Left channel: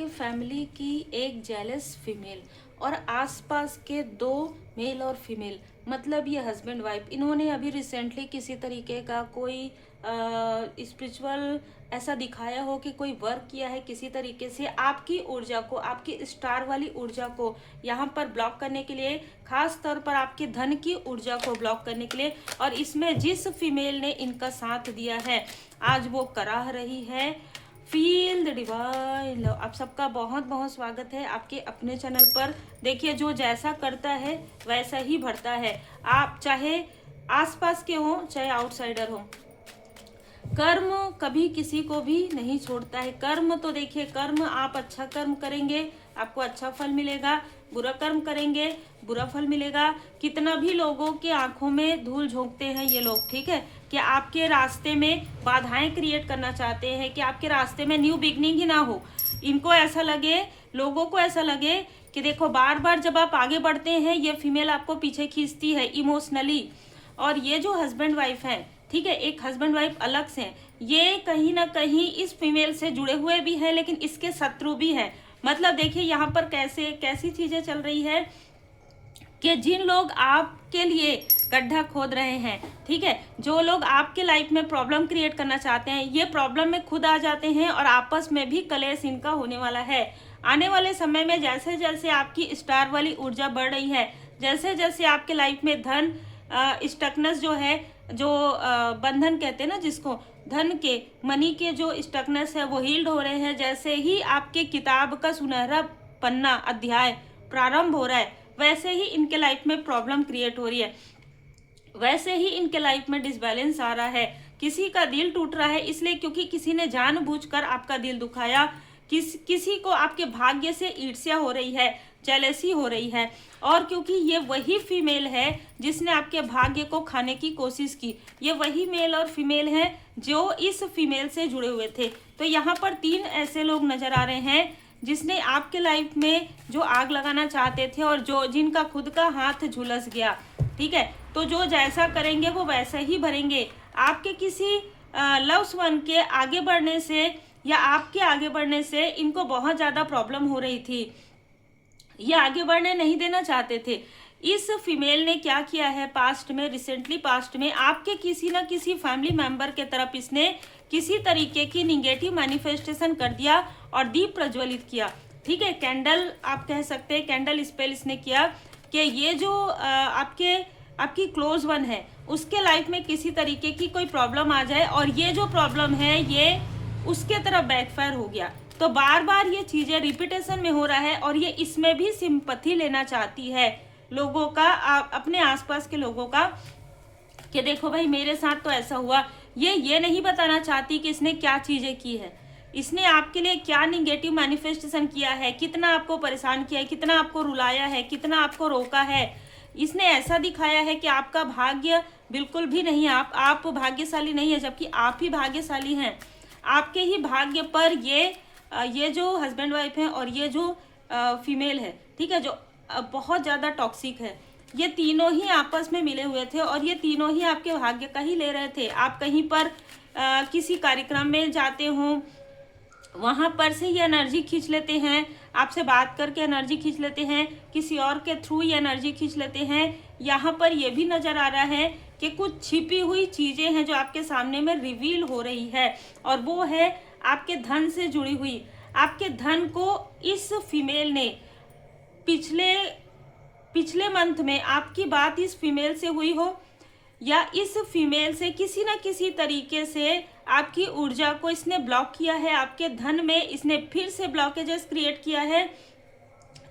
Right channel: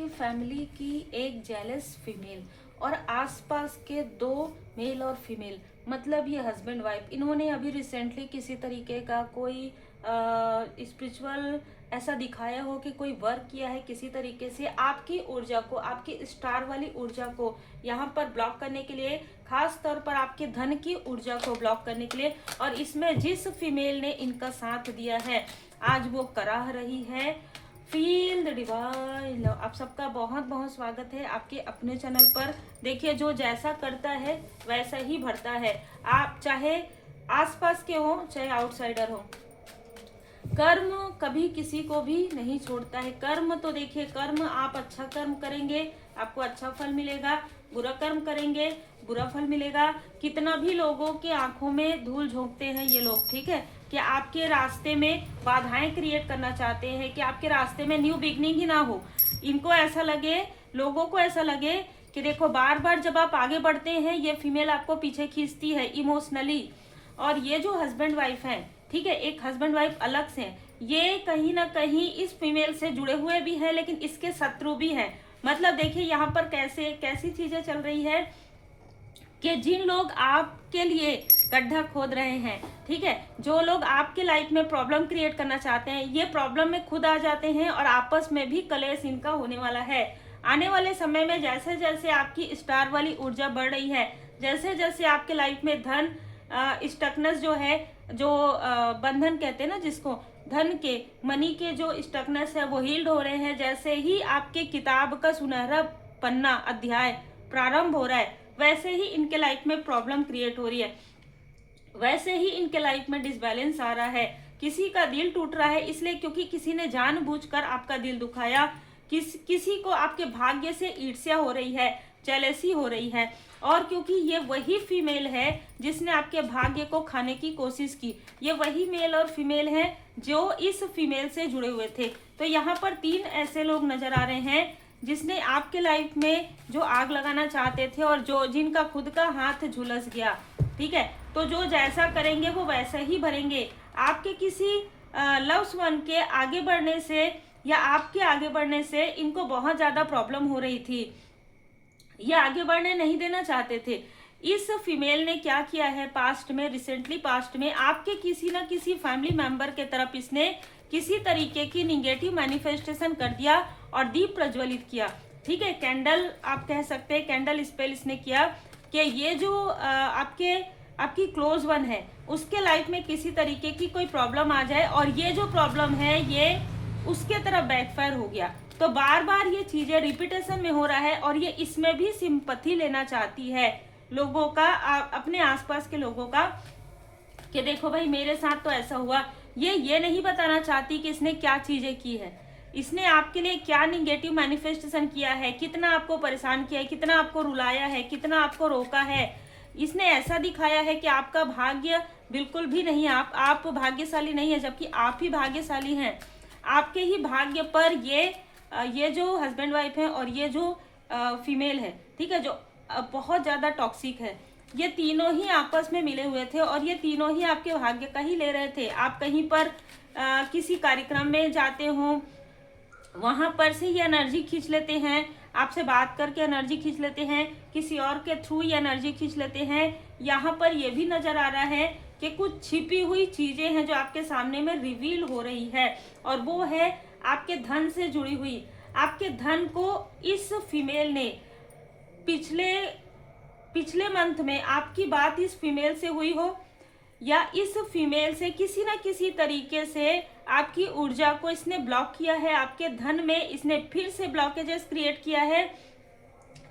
आपके फैमिली की एक जेलस फीमेल और आसपास के दो मेल और फीमेल, मतलब ये हस्बैंड वाइफ, इन्होंने अभी रिसेंटली किसी तरीके का कोई स्पिरिचुअल ऐसा दिखाया हो कि कोई वर्क किया है किसी तरीके से आपकी ऊर्जा को, आपकी स्टार वाली ऊर्जा को यहाँ पर ब्लॉक करने के लिए, खास तौर पर आपके धन की ऊर्जा को ब्लॉक करने के लिए। और इसमें जिस फीमेल ने इनका साथ दिया है आज वो कराह रही है। Feel the divine love. आप सबका बहुत बहुत स्वागत है आपके अपने चैनल पर। देखिए, जो जैसा करता है वैसा ही भरता है। आप चाहे आसपास के हो चाहे आउटसाइडर हो, कर्म कभी किसी को भी नहीं छोड़ता है। कर्म तो देखिए, कर्म आप अच्छा कर्म करेंगे आपको अच्छा फल मिलेगा, बुरा कर्म करेंगे बुरा फल मिलेगा। कितना भी लोगों के आंखों में धूल झोंकते हैं ये लोग, ठीक है, कि आपके रास्ते में बाधाएं क्रिएट करना चाहते हैं, कि आपके रास्ते में न्यू बिगनिंग ही ना हो। इनको ऐसा लगे, लोगों को ऐसा लगे कि देखो बार बार जब आप आगे बढ़ते हैं ये फीमेल आपको पीछे खींचती है इमोशनली। और ये जो हस्बैंड वाइफ है, ठीक है, एक हस्बैंड वाइफ अलग से हैं, ये कहीं ना कहीं इस फीमेल से जुड़े हुए भी हैं लेकिन इसके शत्रु भी हैं। मतलब देखिए यहाँ पर कैसे कैसी चीजें चल रही है कि जिन लोग आपके लिए गड्ढा खोद रहे हैं, ठीक है, जो लोग आपके लाइफ में प्रॉब्लम क्रिएट करना चाहते हैं, ये प्रॉब्लम में खुद आ जाते हैं और आपस में भी कलेश इनका होने वाला है। आने वाले समय में जैसे जैसे आपकी स्टार वाली ऊर्जा बढ़ रही है, जैसे जैसे आपके लाइफ में धन स्टकनेस जो है, जो बंधन कहते हैं ना जिसको, धन के मनी के जो स्टकनेस है वो हील्ड हो रहे हैं। जैसे ही आपके किताब का सुनहरा पन्ना अध्याय प्रारंभ हो रहा है वैसे ही इनके लाइफ में प्रॉब्लम क्रिएट हो रही है, वैसे ही इनके लाइफ में डिसबैलेंस आ रहा है। किसी का दिल टूट रहा है इसलिए क्योंकि किसी ने जानबूझकर आपका दिल दुखाया। किसी को आपके भाग्य से ईर्ष्या हो रही है, जेलसी हो रही है। और क्योंकि ये वही फीमेल है जिसने आपके भाग्य को खाने की कोशिश की, ये वही मेल और फीमेल है जो इस फीमेल से जुड़े हुए थे। तो यहाँ पर तीन ऐसे लोग नजर आ रहे हैं जिसने आपके लाइफ में जो आग लगाना चाहते थे और जो जिनका खुद का हाथ झुलस गया, ठीक है। तो जो जैसा करेंगे वो वैसा ही भरेंगे। आपके किसी लव्स वन के आगे बढ़ने से या आपके आगे बढ़ने से इनको बहुत ज्यादा प्रॉब्लम हो रही थी, ये आगे बढ़ने नहीं देना चाहते थे। इस फीमेल ने क्या किया है पास्ट में, रिसेंटली पास्ट में आपके किसी ना किसी फैमिली मेंबर के तरफ इसने किसी तरीके की निगेटिव मैनिफेस्टेशन कर दिया और दीप प्रज्वलित किया, ठीक है। कैंडल आप कह सकते हैं, कैंडल स्पेल इसने किया कि ये जो आपकी क्लोज वन है उसके लाइफ में किसी तरीके की कोई प्रॉब्लम आ जाए और ये जो प्रॉब्लम है ये उसके तरफ बैकफायर हो गया। तो बार बार ये चीजें रिपीटेशन में हो रहा है और ये इसमें भी सिंपैथी लेना चाहती है लोगों का, अपने आसपास के लोगों का, कि देखो भाई मेरे साथ तो ऐसा हुआ। ये नहीं बताना चाहती कि इसने क्या चीजें की है, इसने आपके लिए क्या निगेटिव मैनिफेस्टेशन किया है, कितना आपको परेशान किया है, कितना आपको रुलाया है, कितना आपको रोका है। इसने ऐसा दिखाया है कि आपका भाग्य बिल्कुल भी नहीं, आप भाग्यशाली नहीं है, जबकि आप ही भाग्यशाली हैं। आपके ही भाग्य पर ये जो हस्बैंड वाइफ है और ये जो फीमेल है, ठीक है, जो बहुत ज़्यादा टॉक्सिक है, ये तीनों ही आपस में मिले हुए थे और ये तीनों ही आपके भाग्य का ही ले रहे थे। आप कहीं पर किसी कार्यक्रम में जाते हो, वहां पर से ये एनर्जी खींच लेते हैं, आपसे बात करके एनर्जी खींच लेते हैं, किसी और के थ्रू ये एनर्जी खींच लेते हैं। यहाँ पर ये भी नजर आ रहा है कि कुछ छिपी हुई चीजें हैं जो आपके सामने में रिवील हो रही है और वो है आपके धन से जुड़ी हुई। आपके धन को इस फीमेल ने पिछले मंथ में आपकी बात इस फीमेल से हुई हो या इस फीमेल से किसी न किसी तरीके से आपकी ऊर्जा को इसने ब्लॉक किया है, आपके धन में इसने फिर से ब्लॉकेजेस क्रिएट किया है।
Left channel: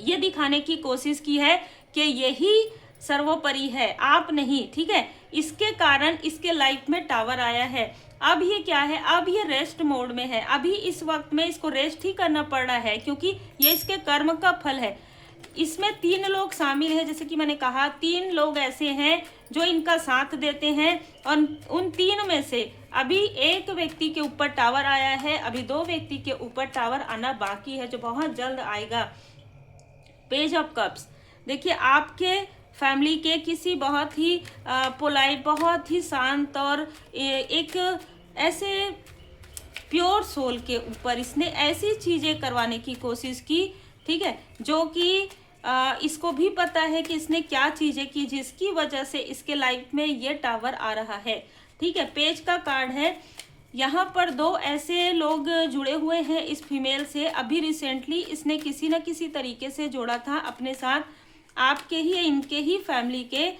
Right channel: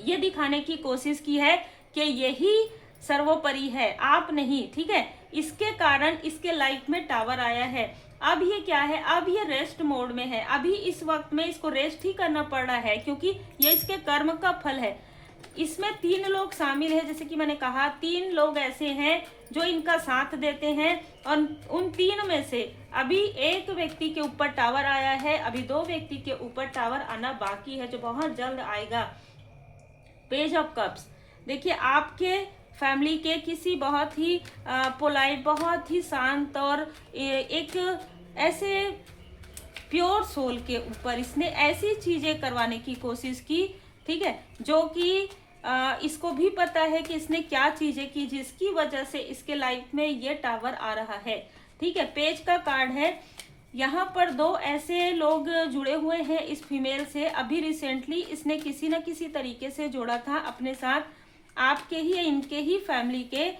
ये दिखाने की कोशिश की है कि यही सर्वोपरि है, आप नहीं, ठीक है। इसके कारण इसके लाइफ में टावर आया है। अब ये क्या है, अब ये रेस्ट मोड में है, अभी इस वक्त में इसको रेस्ट ही करना पड़ रहा है क्योंकि ये इसके कर्म का फल है। इसमें तीन लोग शामिल है, जैसे कि मैंने कहा तीन लोग ऐसे हैं जो इनका साथ देते हैं और उन तीन में से अभी एक व्यक्ति के ऊपर टावर आया है, अभी दो व्यक्ति के ऊपर टावर आना बाकी है जो बहुत जल्द आएगा। पेज ऑफ कप्स, देखिए आपके फैमिली के किसी बहुत ही पोलाइट, बहुत ही शांत और एक ऐसे प्योर सोल के ऊपर इसने ऐसी चीजें करवाने की कोशिश की, ठीक है, जो कि इसको भी पता है कि इसने क्या चीजें की जिसकी वजह से इसके लाइफ में ये टावर आ रहा है, ठीक है। पेज का कार्ड है, यहाँ पर दो ऐसे लोग जुड़े हुए हैं इस फीमेल से। अभी रिसेंटली इसने किसी न किसी तरीके से जोड़ा था अपने साथ। आपके ही इनके ही फैमिली के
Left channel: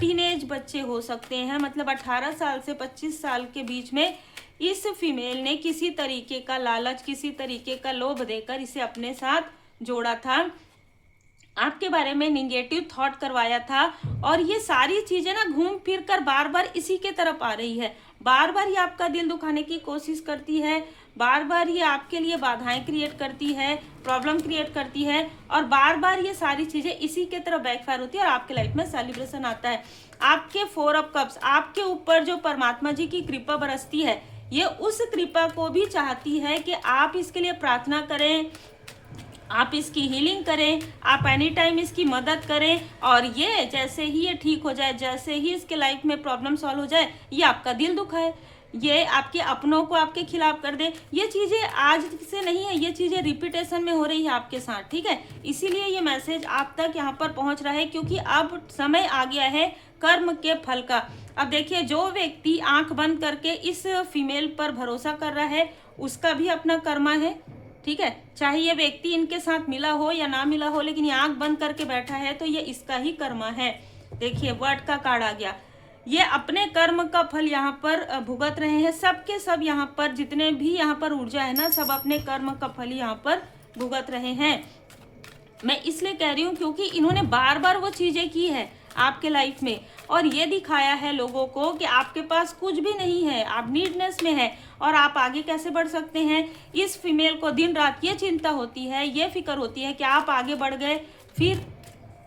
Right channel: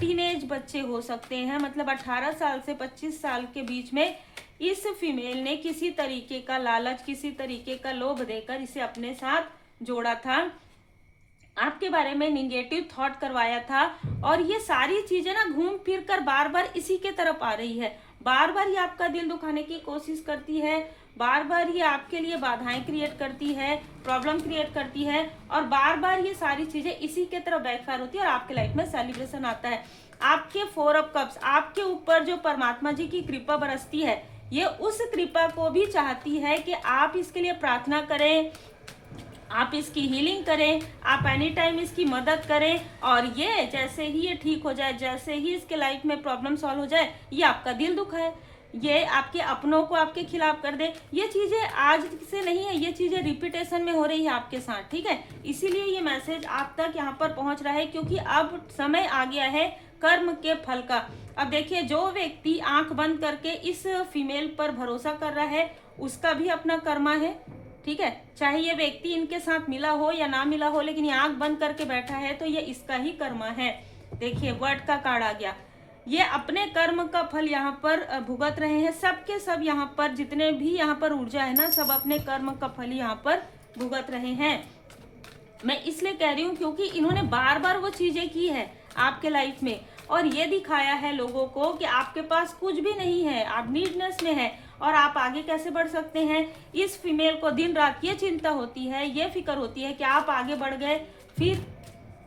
टीनेज बच्चे हो सकते हैं, मतलब 18 साल से 25 साल के बीच में इस फीमेल ने किसी तरीके का लालच, किसी तरीके का लोभ देकर इसे अपने साथ जोड़ा था, आपके बारे में निगेटिव थॉट करवाया था। और ये सारी चीजें ना घूम फिर कर बार बार इसी के तरफ आ रही है। बार बार ये आपका दिल दुखाने की कोशिश करती है, बार बार ये आपके लिए बाधाएं क्रिएट करती है, प्रॉब्लम क्रिएट करती है, और बार बार ये सारी चीजें इसी के तरफ बैकफायर होती है और आपके लाइफ में सेलिब्रेशन आता है। आपके 4 ऑफ कप्स, आपके ऊपर जो परमात्मा जी की कृपा बरसती है, ये उस कृपा को भी चाहती है कि आप इसके लिए प्रार्थना करें, आप इसकी हीलिंग करें, आप एनी टाइम इसकी मदद करें, और ये जैसे ही ये ठीक हो जाए, जैसे ही इसके लाइफ में प्रॉब्लम सॉल्व हो जाए, ये आपका दिल दुखाए, ये आपके अपनों को आपके खिलाफ कर दे। ये चीज़ें आज से नहीं है, ये चीज़ें रिपीटेशन में हो रही है आपके साथ, ठीक है। इसीलिए ये मैसेज आप तक यहाँ पर पहुँच रहा है, क्योंकि अब समय आ गया है कर्म के फल का। अब देखिए, जो व्यक्ति आंख बंद करके इस फीमेल पर भरोसा कर रहा है, उसका भी अपना कर्मा है, ठीक है। चाहे ये व्यक्ति इनके साथ मिला हो या ना मिला हो, लेकिन ये आंख बंद करके बैठा है तो ये इसका ही कर्मा है। देखिए, वर्ड का कार्ड आ गया। ये अपने कर्म का फल यहाँ पर भुगत रहे हैं। सबके सब यहाँ पर जितने भी यहाँ पर ऊर्जा है ना, सब अपने कर्म का फल यहाँ पर भुगत रहे हैं। मैं इसलिए कह रही हूँ क्योंकि इन्होंने बार बार वो चीजें की है आपके लाइफ में, और ये दिखाया है लोगों को कि आपके पास कुछ भी नहीं है, आप नीडनेस में है और आप आगे कैसे बढ़ सकते हैं। इस फीमेल को दिन रात ये चिंता होती है, ये फिक्र होती है कि आप आगे बढ़ गए, फिर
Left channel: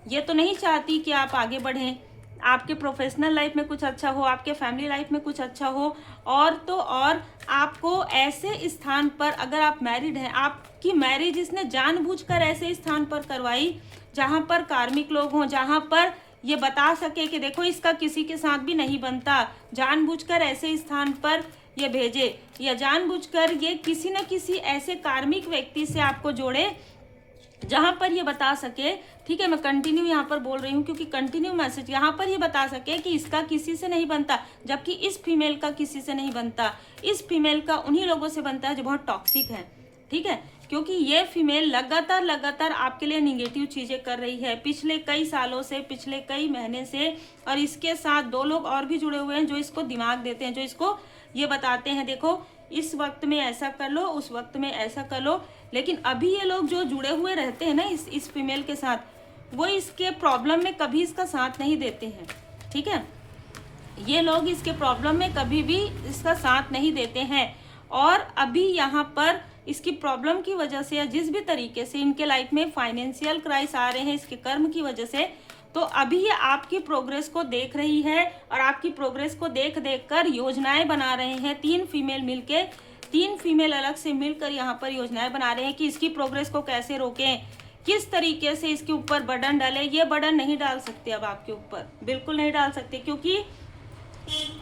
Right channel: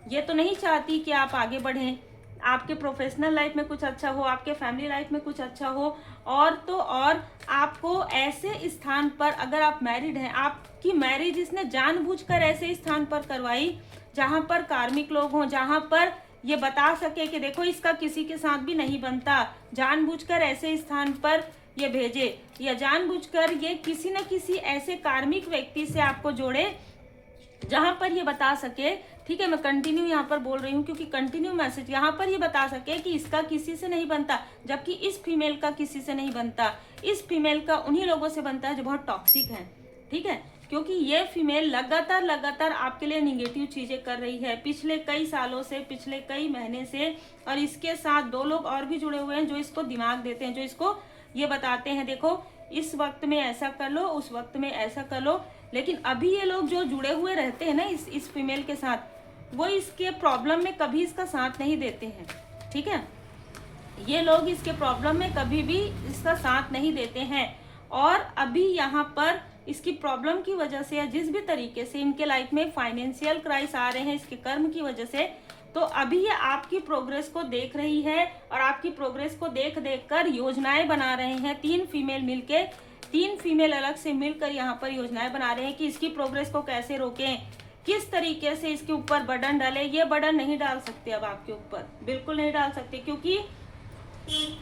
ये तो नहीं चाहती कि आप आगे बढ़ें, आपके प्रोफेशनल लाइफ में कुछ अच्छा हो, आपके फैमिली लाइफ में कुछ अच्छा हो। और तो और आपको ऐसे स्थान पर, अगर आप मैरिड हैं, आपकी मैरिज इसने जानबूझकर ऐसे स्थान पर करवाई जहां पर कार्मिक लोग हों, जहां पर ये बता सके कि देखो इसका किसी के साथ भी नहीं बनता। जानबूझकर ऐसे स्थान पर ये भेजे, या जानबूझकर ये किसी न किसी ऐसे कार्मिक व्यक्ति से आपको जोड़े जहां पर ये बता सके, ठीक है, मैं कंटिन्यू यहाँ पर बोल रही हूँ क्योंकि कंटिन्यू मैसेज, यहाँ पर ये बता सके कि इसका किसी से नहीं बनता, जबकि इस फीमेल का किसी से नहीं बनता। इस फीमेल का उन्हीं लोगों से बनता है जो बहुत टॉक्सिक है, ठीक है, क्योंकि ये फीमेल लगातार आपके लिए निगेटिव चीजें कर रही है पिछले कई सालों से, पिछले कई महीने से। और इसके साथ 2 लोग और भी जुड़े हुए हैं जो इसको दिमाग देते हैं, जो इसको ये बताते हैं देखो इस वक्त में ऐसा कर लो, उस वक्त में ऐसा कर लो। लेकिन अभी ये लोग जो जुड़े हुए रहते हैं ना इस फीमेल के साथ, वो इसके प्रॉब्लम में कभी इसका साथ नहीं देते हैं, ठीक है। ये लोग इसके प्रॉब्लम में कभी भी इसका साथ नहीं देते हैं। और अभी यहाँ पर इसकी प्रॉब्लम की वजह से, या जिस भी तरीके से इनके लाइफ में फाइनेंशियल क्राइसिस आ रहे हैं इसके कर्म की वजह से, तो अभी ये आपकी प्रोग्रेस को देख रही है और आपकी प्रोग्रेस को देख कर योजनाएं बना रहे हैं। 3 फीमेल मिलके, 3 फीमेल अलग से मिलकर यहाँ पर योजनाएं बना रहे हैं कि इसकी प्रोग्रेस को कैसे रोकें, किस तरीके से इसके ऊपर बर्डन डालें। ये बर्डन नहीं डाल सकते अब आपके ऊपर, बिल्कुल नहीं डाल सकते, क्योंकि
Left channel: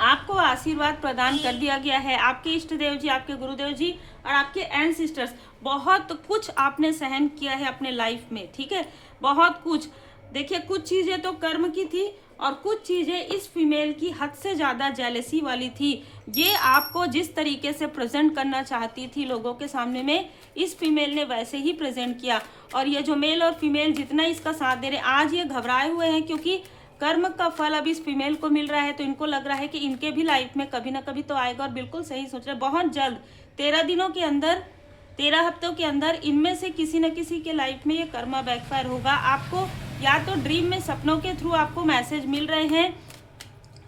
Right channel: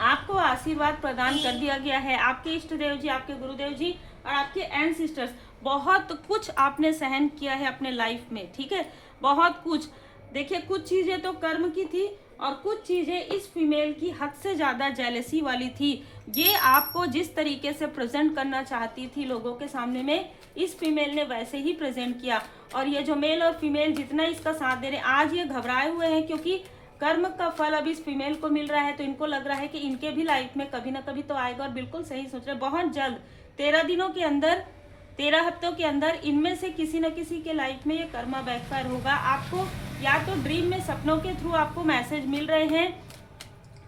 आपको आशीर्वाद प्रदान कर दिया गया है। आपके इष्ट देव जी, आपके गुरुदेव जी और आपके एंसेस्टर्स, बहुत कुछ आपने सहन किया है अपने लाइफ में, ठीक है, बहुत कुछ। देखिए, कुछ चीजें तो कर्म की थी और कुछ चीजें इस फीमेल की हद से ज्यादा जेलसी वाली थी। ये आपको जिस तरीके से प्रेजेंट करना चाहती थी लोगों के सामने में, इस फीमेल ने वैसे ही प्रेजेंट किया। और ये जो मेल और फीमेल जितना इसका साथ दे रहे, आज ये घबराए हुए हैं क्योंकि कर्म का फल अब इस फीमेल को मिल रहा है, तो इनको लग रहा है कि इनके भी लाइफ में कभी ना कभी तो आएगा। और बिल्कुल सही सोच रहे, बहुत जल्द 13 दिनों के अंदर, 13 हफ्तों के अंदर इनमें से किसी न किसी के लाइफ में ये कर्मा बैकफायर होगा। आपको या तो ड्रीम में, सपनों के थ्रू आपको मैसेज मिल रहे हैं,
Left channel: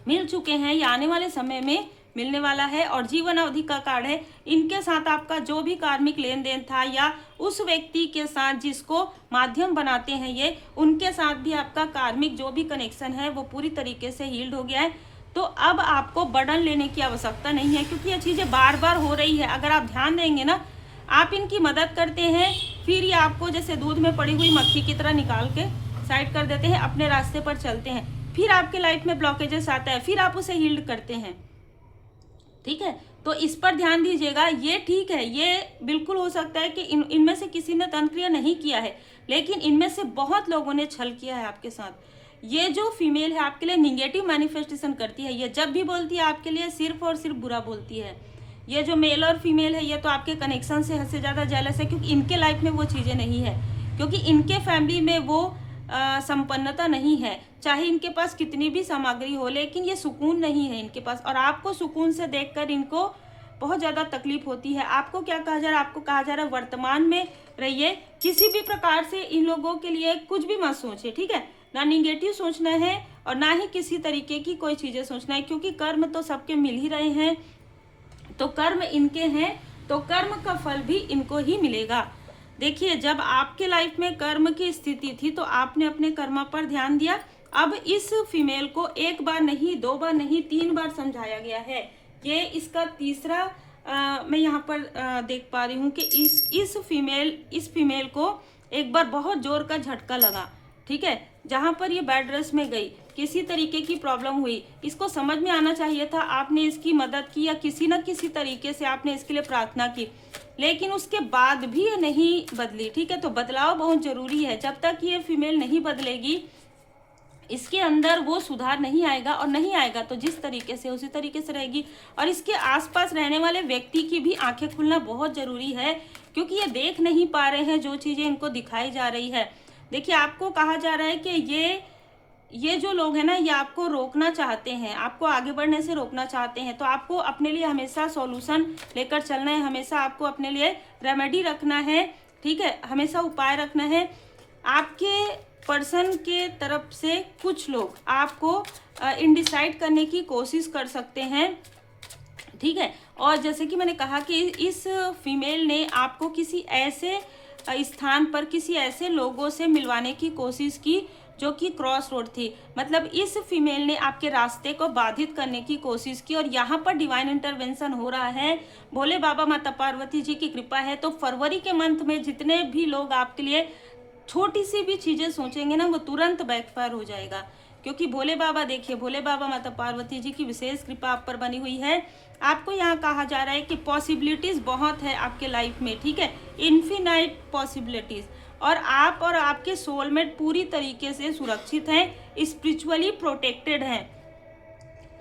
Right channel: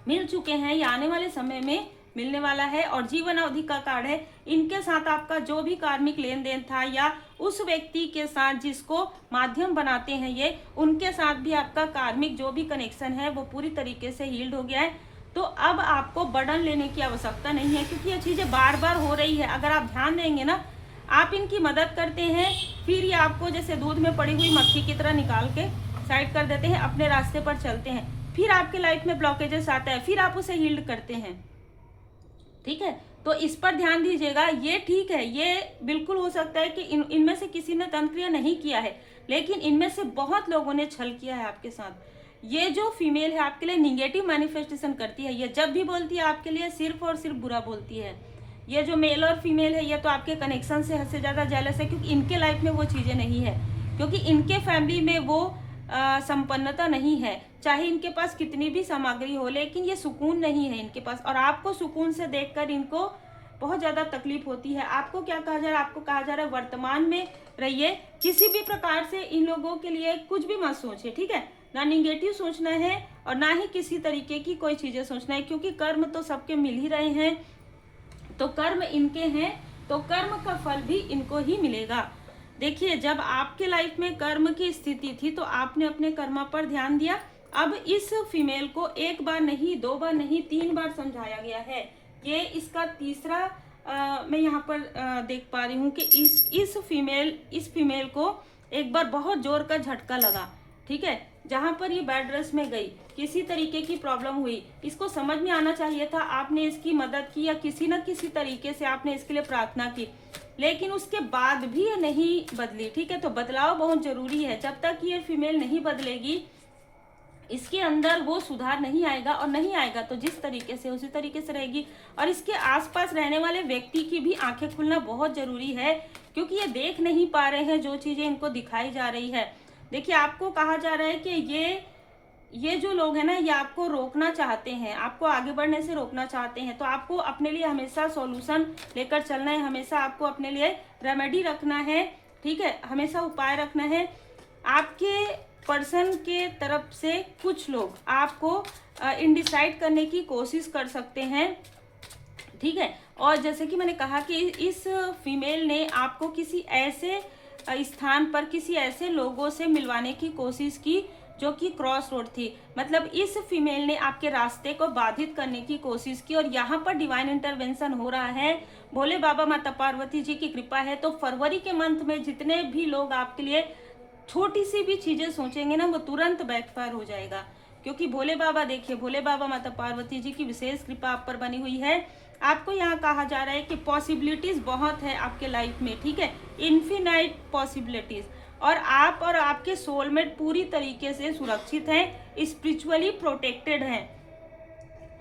मिल चुके हैं, या आने वाले समय में मिलने वाला है। और जीवन अवधि का कार्ड है। इनके साथ आपका जो भी कार्मिक लेन देन था, या उस व्यक्ति के साथ जिसको माध्यम बनाते हैं ये, उनके साथ भी आपका कार्मिक जो भी कनेक्शन है वो पूरी तरीके से हील्ड हो गया है। तो अब आपको बर्डन लेने की आवश्यकता नहीं है, क्योंकि ये चीजें बार बार हो रही है। अगर आप ध्यान देंगे ना, आप इनकी मदद करते हैं, फिर ये आपको जैसे दूध में पड़ी हुई मक्खी की तरह निकाल के साइड कर देते हैं, अपने रास्ते पर चलते हैं। फिर आपके लाइफ में ब्लॉकेजेस आता है, फिर आप उसे हील्ड करते हैं, ठीक है। तो इस पर ध्यान दीजिएगा। ये ठीक है, ये बिल्कुल हो सकता है कि इनमें से किसी ने तंत्र क्रिया नहीं किया है, लेकिन इनमें से बहुत लोगों ने छल किया है आपके साथ। ये जो फीमेल है आपके लिए निगेटिव मैनिफेस्टेशन करती है। ये जब भी बोलती है आपके लिए सिर्फ और सिर्फ बुरा बोलती है। ये जो मेल और फीमेल है ये तो आपके कनेक्शन से हद से ज़्यादा जेलस है, क्योंकि इनके लाइफ में वो चीज़ें नहीं है, क्योंकि इनके फैमिली में वो संपन्नता नहीं है। चाहे इनके पास कितनी भी सामग्री हो, लेकिन ये सुकून नहीं है इनके पास। और आपको सुकून से देखकर इनको बहुत ज़्यादा तकलीफ होती है। आपको क्या कहा जा रहा है? आपको कहा जा रहा है वर्तमान में रहिए, किसी भी प्रकार से इन लोगों के लिए कुछ भी मत सोचिए, ठीक है? ना निगेटिव सोचना है और ना ही किसी तरीके की कोई चीज़ें सोचना है, क्योंकि कर्म तो सबके मिल ही रहे हैं। तो कर्म इनके हैं, तो कर्म का फल भी इनको ही मिलेगा। देखिए, जब आपके लाइफ में कर्म की स्थिति थी तो आपने अपने कर्म पर ध्यान दिया। अब इस फीमेल को एक बार नहीं, दो बार नहीं, 3 बार समझाया गया है। ये इसका तीसरा मैं यहाँ पर देख पा रही हूँ कि इस फीमेल को एक बार बहुत जोर का झटका लगा, ठीक है? जहाँ पर ये बेड रेस्ट में गई, किसी तरीके की प्रॉब्लम हुई, इसको समझ में आना चाहिए था। आपने इसकी मदद की या किसी न किसी तरीके से आपने इसके लिए प्रार्थना की, लेकिन उसके बाद भी ये नहीं बदली, ठीक है? तो बदलाव बहुत जरूरी है। जब तक ये फीमेल नहीं बदलेगी, इसके अंदर वो सुधार नहीं आएगा, और नहीं आएगा तो जिस तरीके से उसी तरीके से रहेगी। और इसके आसपास रहने वाले व्यक्ति की भी आंखें खुलना बहुत जरूरी है, क्योंकि ये देख नहीं पा रहे हैं जो चीजें इनको दिखाई जा रही है। देखिए, आपको कहा जा रहा है कि ये जो लोग हैं ना, ये आपको रोकना चाहते हैं, आपको आगे बढ़ने से रोकना चाहते हैं। तो आपको अपने लिए हमेशा सॉल्यूशन लेकर चलना है, हमेशा आपको अपने लिए रेमेडी रखना है, ठीक है? हमेशा उपाय रखना है। आपके पर्सन के तरफ से कुछ लोग आपको इनडिसाइड करने की कोशिश कर सकते हैं, ठीक है? और जैसे कि मैंने कहा कि इस फीमेल ने आपको किसी ऐसे स्थान पर, किसी ऐसे लोगों से मिलवाने की कोशिश की जो कि क्रॉस रोड थी। मतलब इस फीमेल ने आपके रास्ते को बाधित करने की कोशिश की, और यहाँ पर डिवाइन इंटरवेंशन हो रहा है। भोले बाबा माता पार्वती जी की कृपा है। तो फरवरी के मंथ में जितने भी लोग आपके लिए छोटी सी भी चीजें सोचेंगे ना, वो तुरंत बैकफायर हो जाएगा, क्योंकि भोले बाबा, देखिए, भोले बाबा माता पार्वती जी की विशेष कृपा आप पर बनी हुई है। आपको यहाँ कहा जा रहा है कि पॉसिबिलिटीज बहुत है आपके लाइफ में, ठीक है? Infinite possibilities. और आप और आपके सोलमेट पूरी तरीके से सुरक्षित हैं, स्पिरिचुअली प्रोटेक्टेड हैं।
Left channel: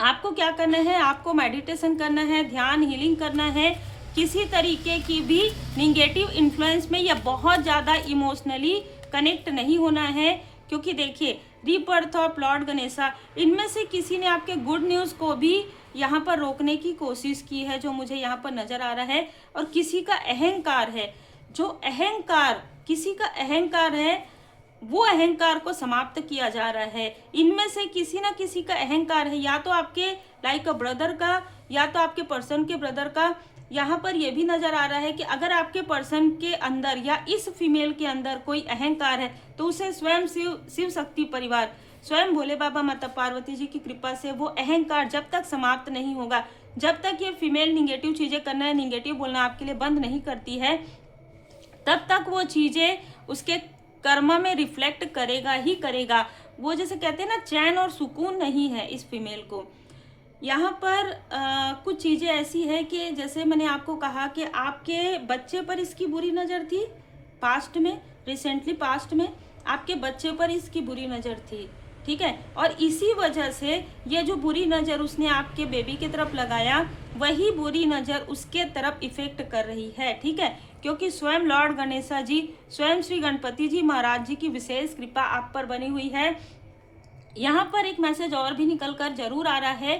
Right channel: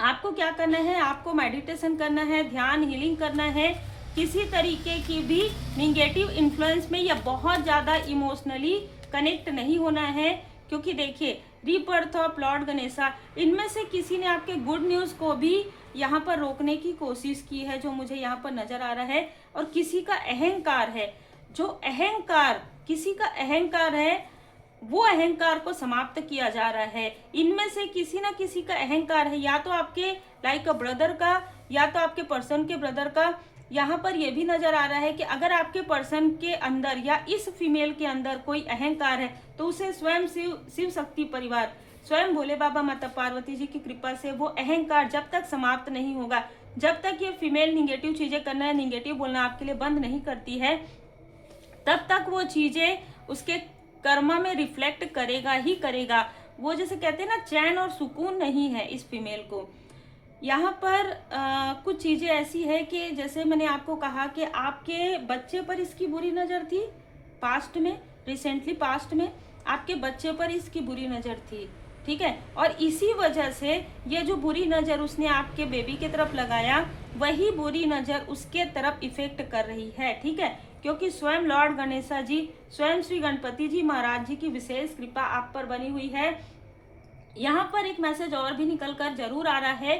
आपको क्या करना है? आपको मेडिटेशन करना है, ध्यान हीलिंग करना है। किसी तरीके की भी निगेटिव इन्फ्लुएंस में या बहुत ज़्यादा इमोशनली कनेक्ट नहीं होना है, क्योंकि देखिए, रीबर्थ ऑफ लॉर्ड गणेशा, इनमें से किसी ने आपके गुड न्यूज़ को भी यहाँ पर रोकने की कोशिश की है, जो मुझे यहाँ पर नज़र आ रहा है। और किसी का अहंकार है, जो अहंकार, किसी का अहंकार है, वो अहंकार को समाप्त किया जा रहा है। इनमें से किसी ना किसी का अहंकार है, या तो आपके लाइक अ ब्रदर का, या तो आपके पर्सन के ब्रदर का। यहाँ पर यह भी नजर आ रहा है कि अगर आपके पर्सन के अंदर या इस फीमेल के अंदर कोई अहंकार है, तो उसे स्वयं शिव शक्ति परिवार, स्वयं भोले बाबा माता पार्वती जी की कृपा से वो अहंकार जब तक समाप्त नहीं होगा, जब तक ये फीमेल निगेटिव चीजें करना है, निगेटिव बोलना आपके लिए बंद नहीं करती है, तब तक वो चीजें उसके कर्म में रिफ्लेक्ट करेगा ही करेगा। वो जैसे कहते हैं ना, चैन और सुकून नहीं है इस फीमेल को। यहाँ पर कुछ चीज़ें ऐसी है कि जैसे मैंने आपको कहा कि आपके बच्चे पर इसकी बुरी नज़र थी पास्ट में, रिसेंटली पास्ट में आपके बच्चे पर इसकी बुरी नज़र थी, ठीक है? और इसी वजह से ये जो बुरी नज़र उसने आपके बेबी की तरफ लगाया, वही बुरी नज़र उसके तरफ इफेक्ट कर रही है, ठीक है? क्योंकि स्वयं लॉर्ड गणेशा जी, स्वयं श्री गणपति जी महाराज जी की विशेष कृपा आप पर बनी हुई है। यहाँ पर एक मैसेज और भी निकल कर जरूर आ रहा है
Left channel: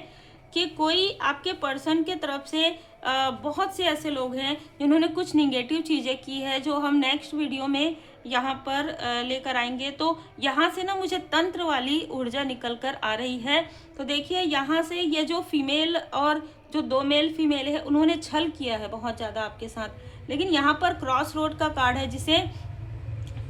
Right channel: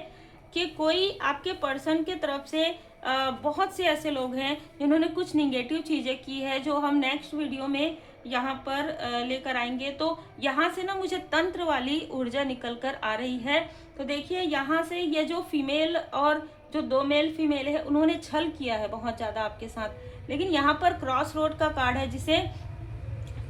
कि कोई आपके पर्सन के तरफ से बहुत से ऐसे लोग हैं जिन्होंने कुछ निगेटिव चीज़ें की है, जो हम नेक्स्ट वीडियो में यहाँ पर लेकर आएंगे। तो यहाँ से ना मुझे तंत्र वाली ऊर्जा निकल कर आ रही है। तो देखिए, यहाँ से ये जो फीमेल और जो 2 मेल फीमेल है, उन्होंने छल किया है बहुत ज़्यादा आपके साथ। लेकिन यहाँ पर क्रॉस रोड का कार्ड है, जिसे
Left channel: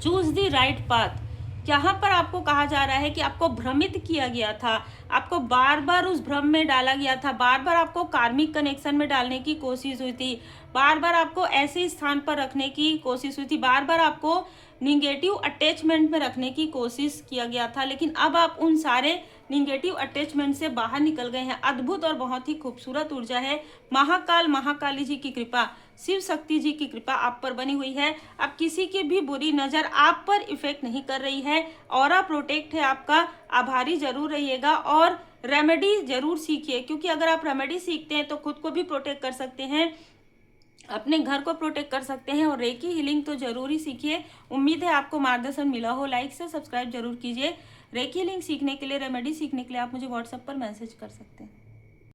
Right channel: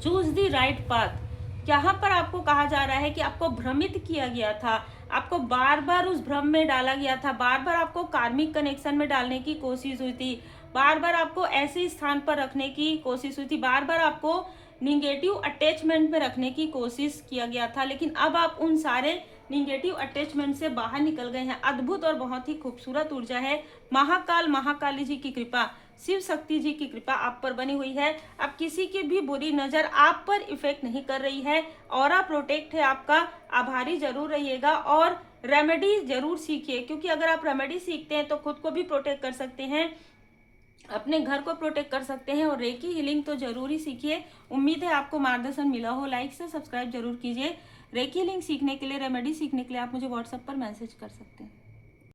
चूज द राइट पाथ। यहाँ पर आपको कहा जा रहा है कि आपको भ्रमित किया गया था, आपको बार बार उस भ्रम में डाला गया था, बार बार आपको कार्मिक कनेक्शन में डालने की कोशिश हुई थी, बार बार आपको ऐसे स्थान पर रखने की कोशिश हुई थी, बार बार आपको निगेटिव अटैचमेंट में रखने की कोशिश किया गया था, लेकिन अब आप उन सारे निगेटिव अटैचमेंट से बाहर निकल गए हैं। अद्भुत और बहुत ही खूबसूरत ऊर्जा है। महाकाल महाकाली जी की कृपा, शिव शक्ति जी की कृपा आप पर बनी हुई है। अब किसी की भी बुरी नज़र आप पर इफेक्ट नहीं कर रही है। ऑरा प्रोटेक्ट है आपका। आभारी जरूर रहिएगा और रेमेडी जरूर सीखिए, क्योंकि अगर आप रेमेडी सीखते हैं तो खुद को भी प्रोटेक्ट कर सकते हैं, अपने घर को प्रोटेक्ट कर सकते हैं। और रेकी हीलिंग तो जरूर ही सीखिए। उम्मीद है आपको मार्गदर्शन मिला हो। लाइक से सब्सक्राइब जरूर कीजिए। रेकी हीलिंग सीखने के लिए, रेमेडी सीखने के लिए आप मुझे व्हाट्सएप पर मैसेज कर सकते हैं।